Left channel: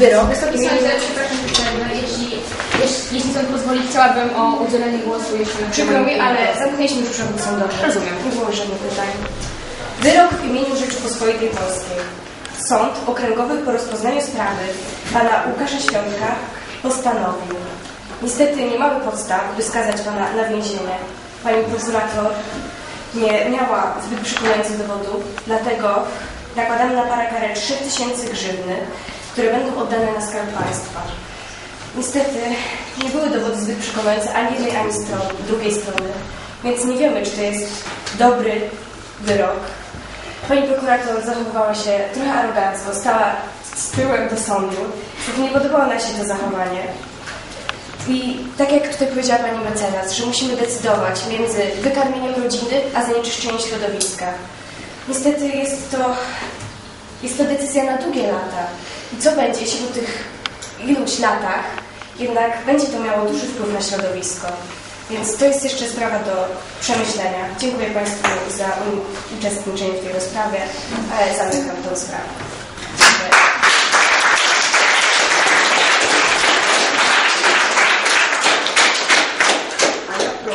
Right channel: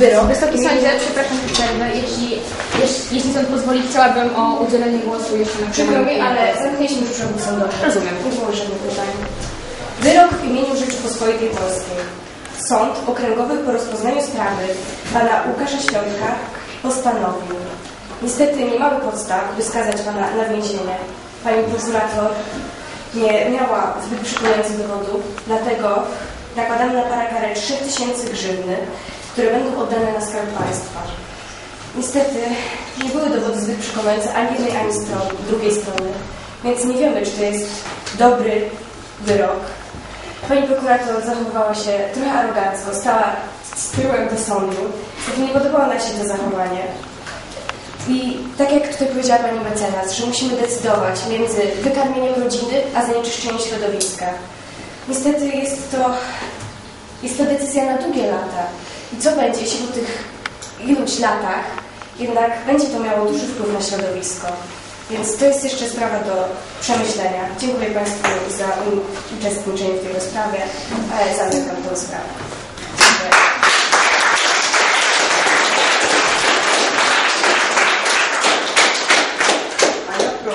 Wyrok. Wysoki sądzie, przepraszam. Jeśli, jeśli, jeśli sąd pozwoli, chciałabym o udzielenie głosu jeszcze na Przykro mi, ale zamknęliśmy już przewód sądowy. Rozumiem. Nie było żadnych pytań. Wyrok w imieniu Rzeczypospolitej Polskiej. Sąd okręgowy po rozpoznaniu sprawy pana Łukasza Świątka postanowił. Niestety nie mamy podstaw, by skazać pana na więzienie. Pani prokurator nie miała zbyt przekonujących dowodów, dlatego nakładamy na pana karę 3000 grzywny, które będą oddane na skarb państwa. Niestety nie były dowody zbyt przekonujące ani jednej, ani strony, drugiej strony, więc nie wiemy, czy to jest dobry wyrok. Pani prokurator zachowywała się trochę arogancko, stała z tyłem do sądu. Niestety nie podobało nam się to zachowanie. I tak jak tutaj powiedziała pani mecenas, że musimy decydować między wykarmieniem rodziny, a zanieczyszczeniem środowiska. Niestety jest to, jest to decyzja na długie lata. I co będzie, jeśli po tych iluś latach jednak będzie to miało duży wpływ na środowisko? Więc to jest jeszcze sprawa do przemyślenia. Dziękuję Państwu za uczestniczenie w tej rozprawie, zamykam tę sprawę.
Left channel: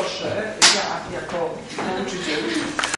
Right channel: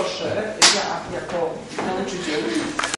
proszę, ja jako nauczyciel.